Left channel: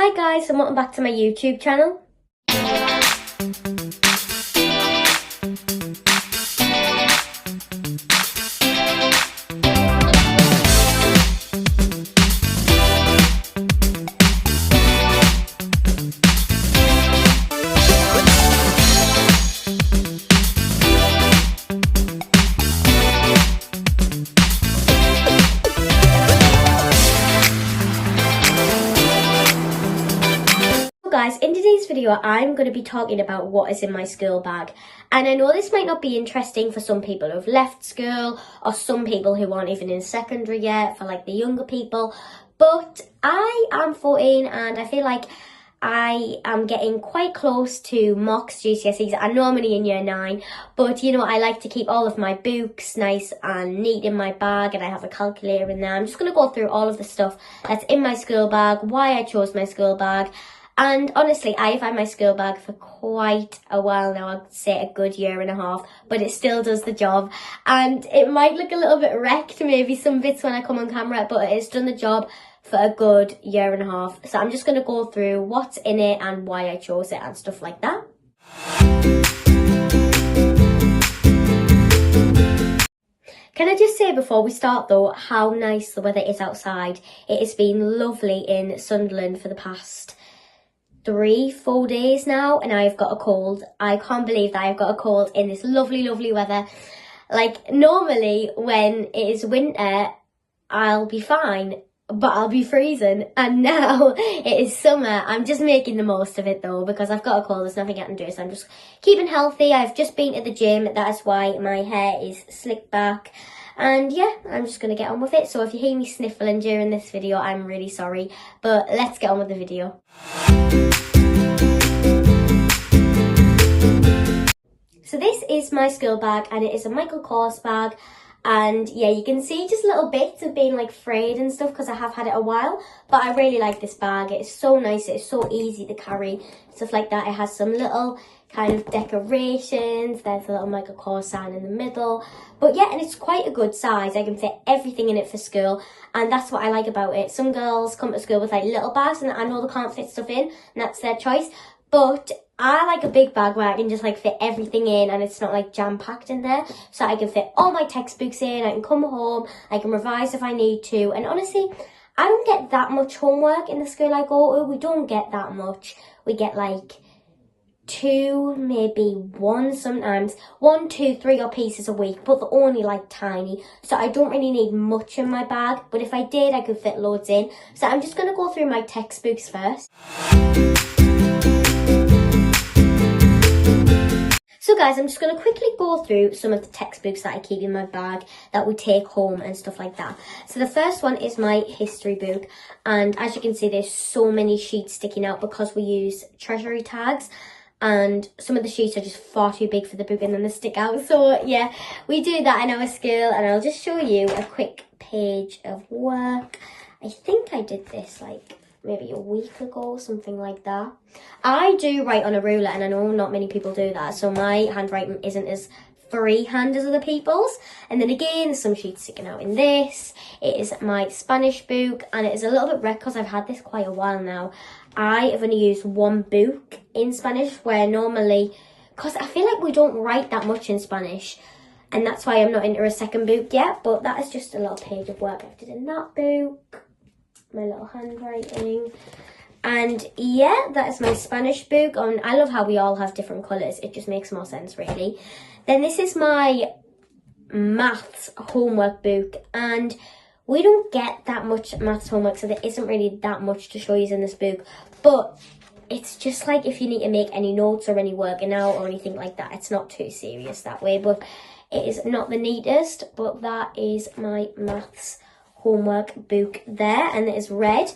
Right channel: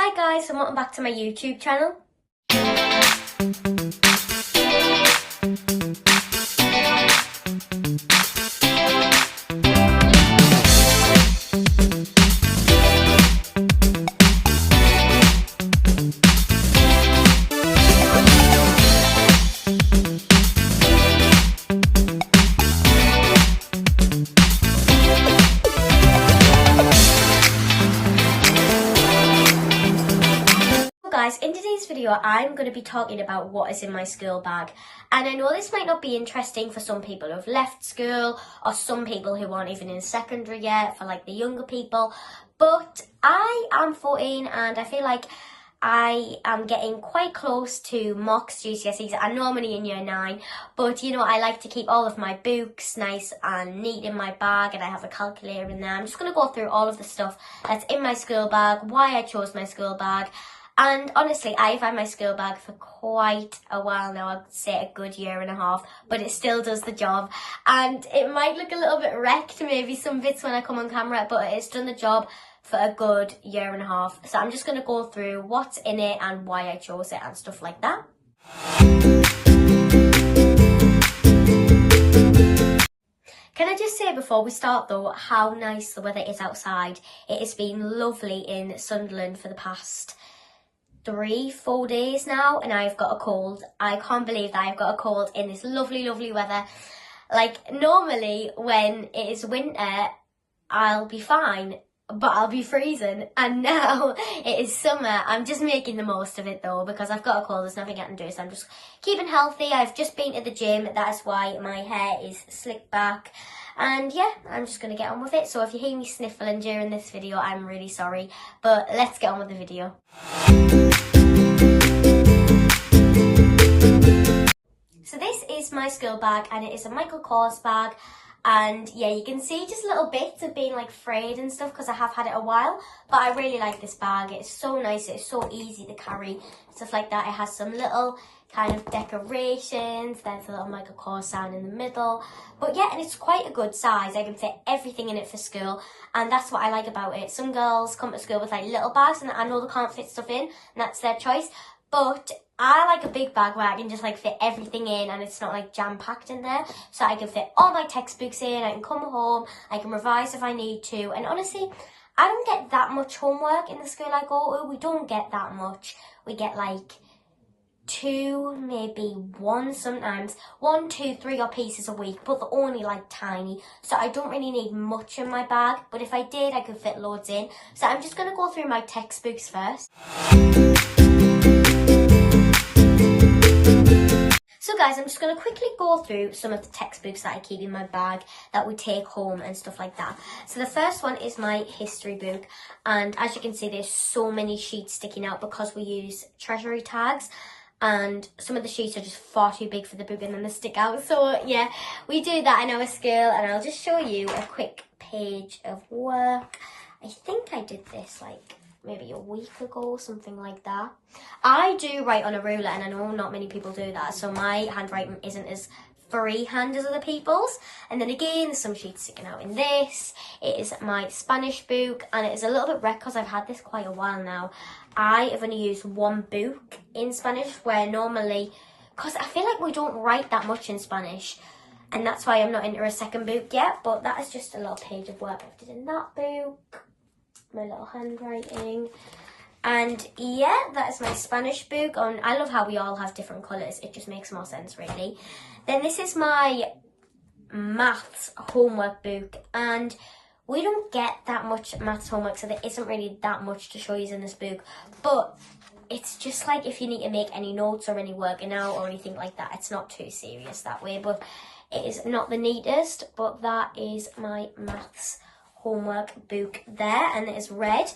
Hi guys, and welcome back to my YouTube channel. Guys, in today's video I'm going to be talking about what is in my school bag, and I know this might not be interesting for some people who've left school or some people who aren't even in secondary yet, for like the younger people, but I am 14 and I feel like I am getting quite close to mocks, GCSEs. I know I'm only in year 9, but you know, I like to keep all of my books nice and neat in my bag, and I have a calculator in there. I'm just going to go through all of the stuff that's in my school bag, why I chose my school bag. And honestly, I've had my school bag for quite a while now. I'd say a good year and a half, but it still does the job. And it might look a little bit wrecked, maybe some bits when I come on camera, but it's done the job for a good year and a half. So I'm just going to go through what's in it and why I chose it and stuff like that. Can I just say before we start though, how nice the weather is outside. It has been lovely in Sunderland for the past 3-4 days now, and I've got a cold. I can't believe that I've got a cold in this lovely weather. Like, normally when it is winter I'll be fine, but I'll be freezing, and now it is summer. I'm just making the most of it though, because I've got a cold. There's nothing I can do, so I'm just keeping healthy. I've just been to the gym, that is why my hair is slicked back. And yeah, I'm just going to get on with it. So if you hear me sniffling during this video, I'm really sorry. But let's get on with the video. So this is my school bag, and it is a Michael Kors bag. And yeah, you can see just little bits of being like frayed and stuff because I have had it a while. But I really like this bag. It's so nice. It's so easy to carry. Stuff like that. It has some little kind of decorations. There's a little Michael Kors sign in the middle. But yeah, and it's quite a good size. I can fit everything in it for school, and that's what I like about it. Some girls come to school with like little bags, and I know they can't fit stuff in, and that's their choice. But I like a big bag where I can just like fit everything in, and it's not like jam-packed in there. So I can fit all my textbooks in, I can come home, I can revise if I need to. And honestly, I don't get that much homework in the school I go to. We don't get that much. We get like 2, maybe 1 sometimes. 1, 2, 3 odd pieces a week, but they're only like tiny. So I don't really need much in my bag, but if I did, I could fit loads in. So I'm just going to go through my textbooks first. So guys, I'm just going to quickly go through some of the textbooks that I keep in my bag that we take home and stuff like that. So the first one is my history book, and as you can see, there's so many sheets sticking out because we use treasury tags, and some of the sheets are just far too big for the book and then they stick out. So yeah, we do that in our school, and I'll just show you a quick page of work. I think I did this like maybe a week ago, something like that. I do write on a ruler, and I know not many people do that, so my handwriting isn't as freehand as other people's. And then again, there's some sheets sticking out in this. It is my Spanish book, and it is a little bit wrecked because I've had this quite a while now. I have only used 1 book in Spanish, where normally, because I feel like we don't write that much in Spanish, and that's why I'm not into a second book yet. But that is just a little page of work I did in that book. My little handwriting. And yeah, that is my Spanish book. And I love how we all have different colours. It just makes more sense, really. Then this is my maths homework book, and we don't get that much maths homework, so there isn't really that much to show you in this book. But it's just like if you need to make any notes or any working out or anything like that, it's not too serious that way. But it is not the neatest, but that is my maths homework book there, and it is red.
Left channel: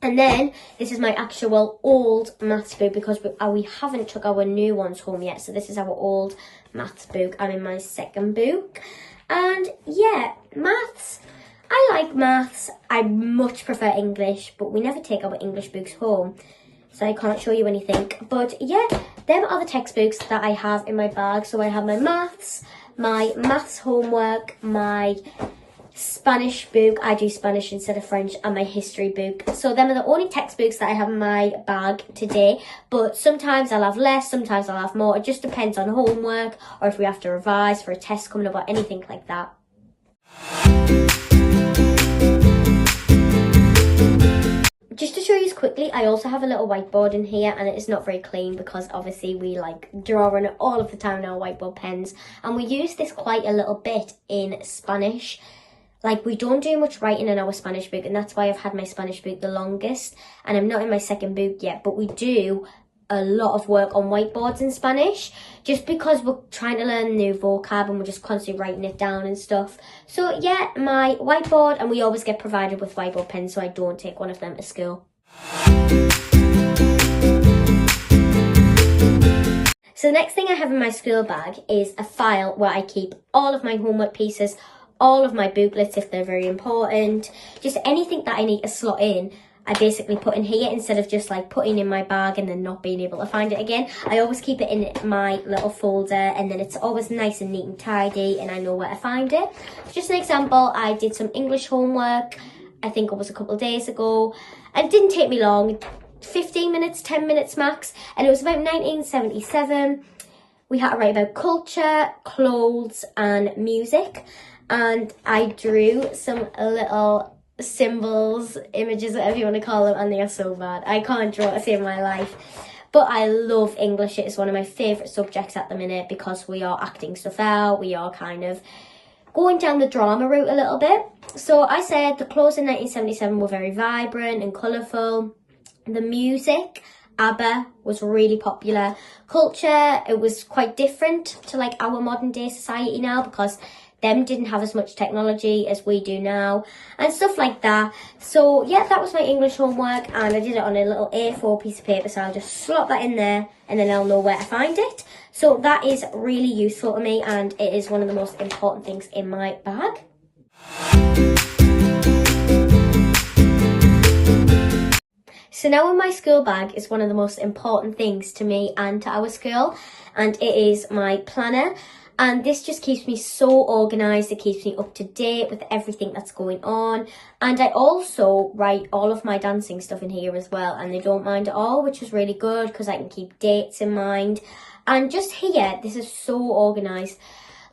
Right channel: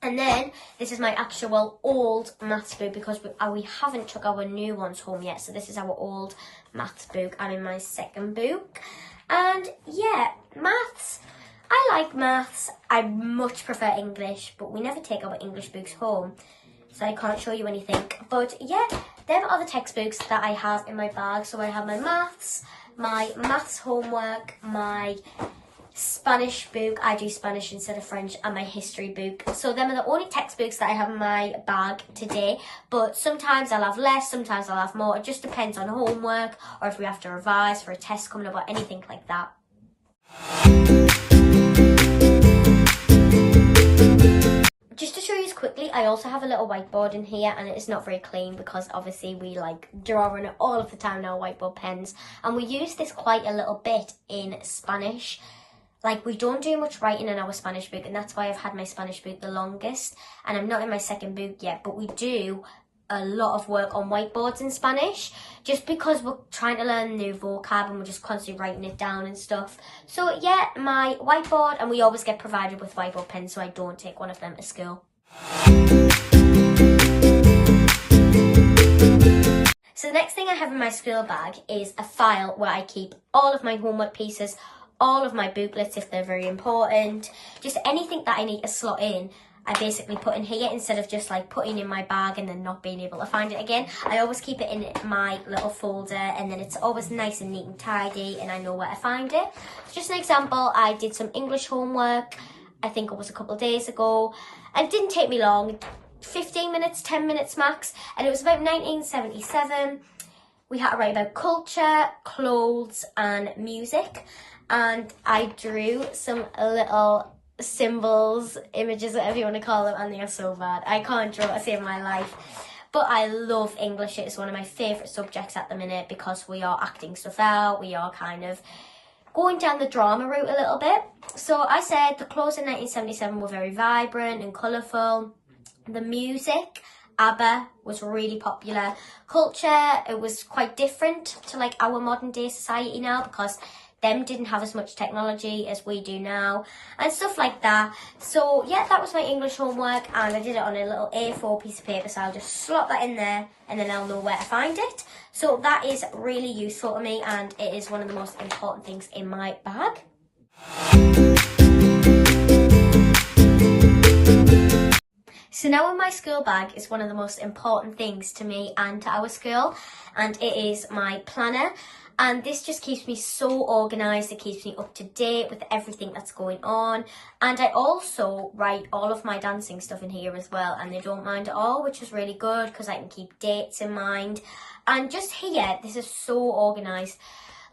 And then this is my actual old maths book, because we haven't took our new ones home yet. So this is our old maths book. I'm in my second book. And yeah, maths. I like maths. I much prefer English, but we never take our English books home, so I can't show you anything. But yeah, them are the textbooks that I have in my bag. So I have my maths homework, my Spanish book. I do Spanish instead of French, and my history book. So them are the only textbooks that I have in my bag today, but sometimes I'll have less, sometimes I'll have more. It just depends on homework or if we have to revise for a test coming up or anything like that. Just to show you quickly, I also have a little whiteboard in here, and it is not very clean because obviously we like draw on it all of the time in our whiteboard pens, and we use this quite a little bit in Spanish. Like, we don't do much writing in our Spanish book, and that's why I've had my Spanish book the longest, and I'm not in my second book yet, but we do a lot of work on whiteboards in Spanish, just because we're trying to learn new vocab and we're just constantly writing it down and stuff. So yeah, my whiteboard, and we always get provided with whiteboard pens, so I don't take one of them to school. So the next thing I have in my school bag is a file where I keep all of my homework pieces, all of my booklets if they're very important, just anything that I need to slot in, I basically put in here instead of just like putting in my bag and then not being able to find it again. I always keep it in my little folder, and then it's always nice and neat and tidy, and I know where to find it. Just an example, I did some English homework, I think it was a couple of days ago, and it didn't take me long, 15 minutes, 10 minutes max, and it was about 1977. We had to write about culture, clothes and music. And I drew some little symbols, images, whatever you want to call them, and they are so bad. I can't draw to save my life. But I love English. It is one of my favourite subjects at the minute because we are acting stuff out. We are kind of going down the drama route a little bit. So I said the clothes in 1977 were very vibrant and colourful. The music, ABBA, was really popular. Culture, it was quite different to like our modern day society now because them didn't have as much technology as we do now and stuff like that. So yeah, that was my English homework, and I did it on a little A4 piece of paper, so I'll just slot that in there and then I'll know where to find it. So that is really useful to me, and it is one of the most important things in my bag. So now in my school bag is one of the most important things to me and to our school, and it is my planner. And this just keeps me so organised, it keeps me up to date with everything that's going on. And I also write all of my dancing stuff in here as well, and they don't mind at all, which is really good because I can keep dates in mind. And just here, this is so organised.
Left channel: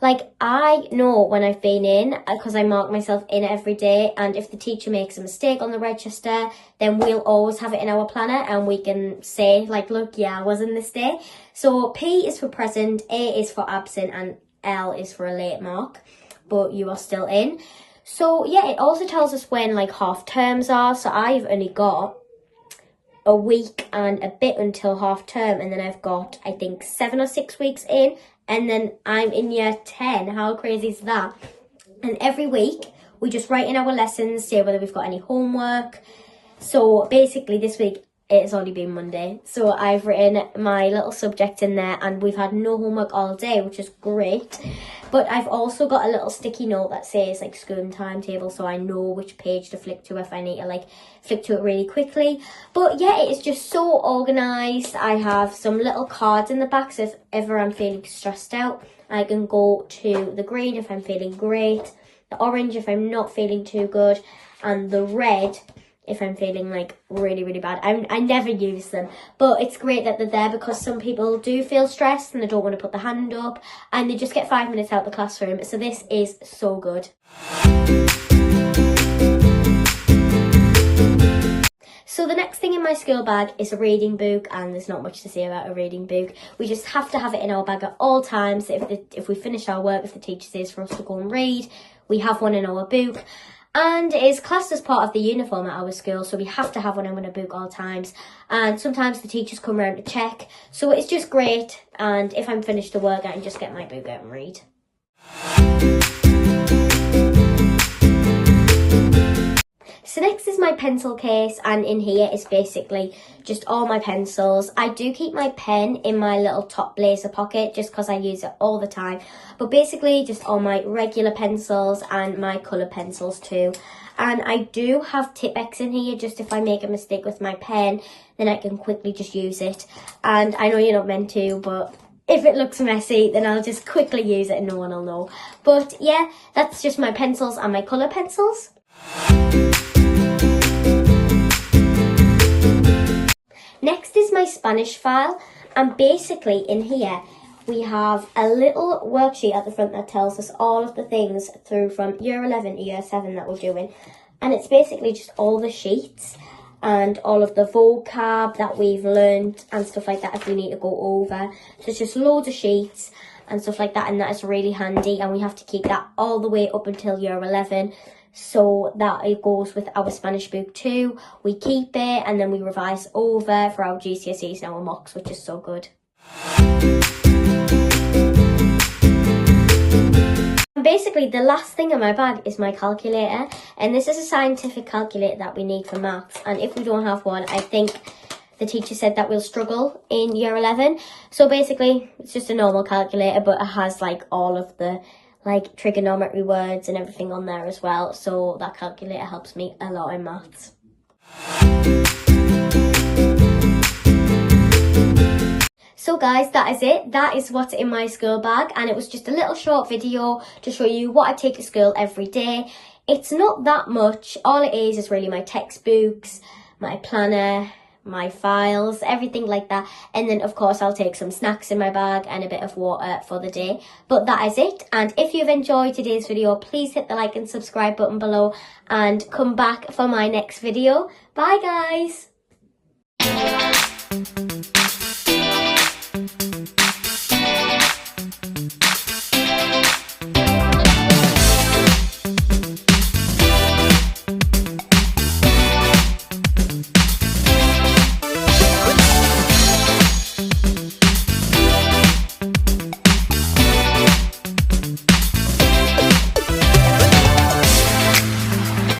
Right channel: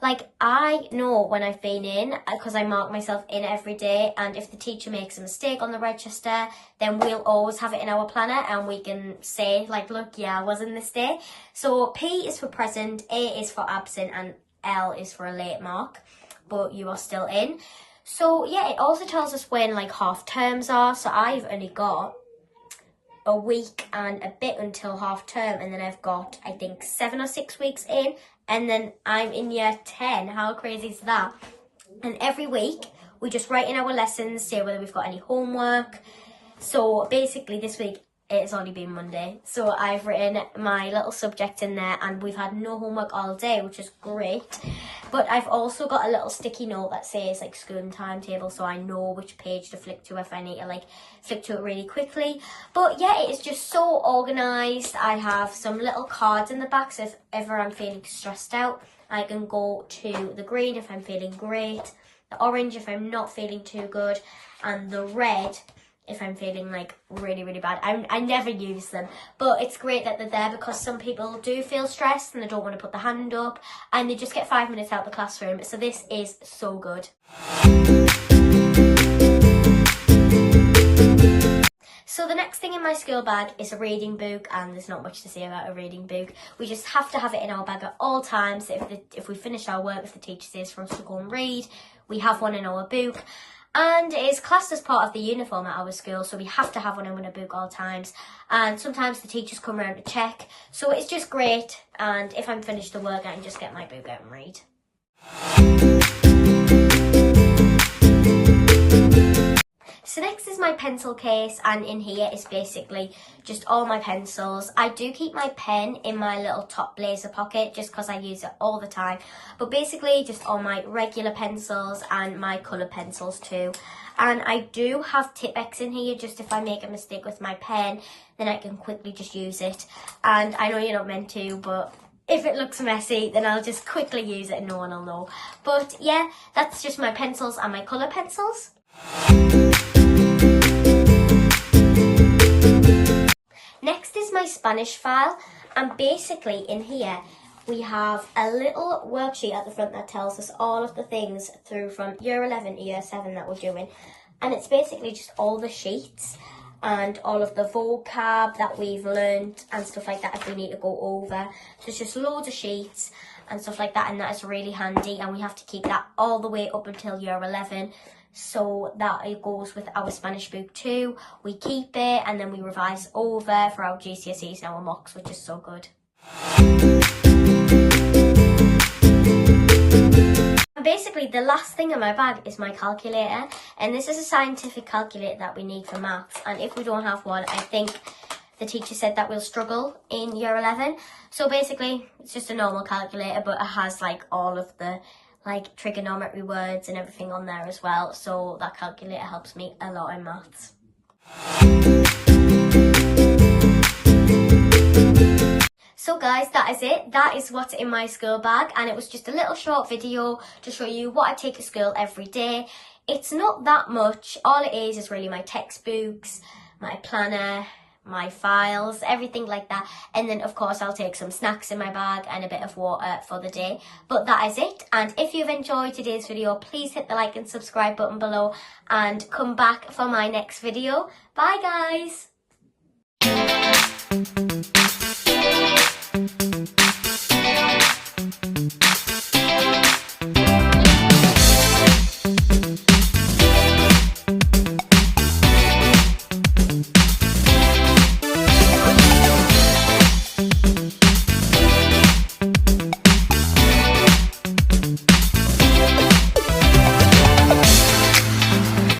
Like, I know when I've been in, because I mark myself in every day, and if the teacher makes a mistake on the register, then we'll always have it in our planner, and we can say, like, look, yeah, I was in this day. So P is for present, A is for absent, and L is for a late mark, but you are still in. So, yeah, it also tells us when, like, half terms are, so I've only got a week and a bit until half term, and then I've got, I think, 7 or 6 weeks in, and then I'm in year 10. How crazy is that? And every week we just write in our lessons, say whether we've got any homework. So basically this week it's only been Monday, so I've written my little subject in there, and we've had no homework all day, which is great. But I've also got a little sticky note that says like school and timetable, so I know which page to flick to if I need to like flick to it really quickly. But yeah, it is just so organised. I have some little cards in the back, so if ever I'm feeling stressed out, I can go to the green if I'm feeling great, the orange if I'm not feeling too good, and the red if I'm feeling like really, really bad. I never use them, but it's great that they're there because some people do feel stressed and they don't want to put their hand up, and they just get 5 minutes out of the classroom. So this is so good. So the next thing in my school bag is a reading book, and there's not much to say about a reading book. We just have to have it in our bag at all times. If we finish our work, if the teacher says for us to go and read, we have one in our book. And it is classed as part of the uniform at our school, so we have to have one in a book all times. And sometimes the teachers come around to check, so it's just great. And if I'm finished the work, I can just get my book out and read. So next is my pencil case, and in here is basically just all my pencils. I do keep my pen in my little top blazer pocket just because I use it all the time. But basically just all my regular pencils and my colour pencils too. And I do have Tipp-Ex in here just if I make a mistake with my pen, then I can quickly just use it. And I know you're not meant to, but if it looks messy, then I'll just quickly use it and no one will know. But yeah, that's just my pencils and my colour pencils. Next is my Spanish file, and basically in here we have a little worksheet at the front that tells us all of the things through from year 11 to year 7 that we're doing, and it's basically just all the sheets and all of the vocab that we've learned and stuff like that if we need to go over. So it's just loads of sheets and stuff like that, and that is really handy, and we have to keep that all the way up until year 11. So that it goes with our Spanish book too. We keep it and then we revise over for our GCSEs and our mocks, which is so good. Basically, the last thing in my bag is my calculator, and this is a scientific calculator that we need for maths, and if we don't have one, I think the teacher said that we'll struggle in year 11. So basically, it's just a normal calculator, but it has like all of the like trigonometry words and everything on there as well, so that calculator helps me a lot in maths. So guys, that is it. That is what's in my school bag, and it was just a little short video to show you what I take to school every day. It's not that much. All it is really my textbooks, my planner, my files, everything like that, and then of course I'll take some snacks in my bag and a bit of water for the day. But that is it, and if you've enjoyed today's video, please hit the like and subscribe button below and come back for my next video. Bye guys.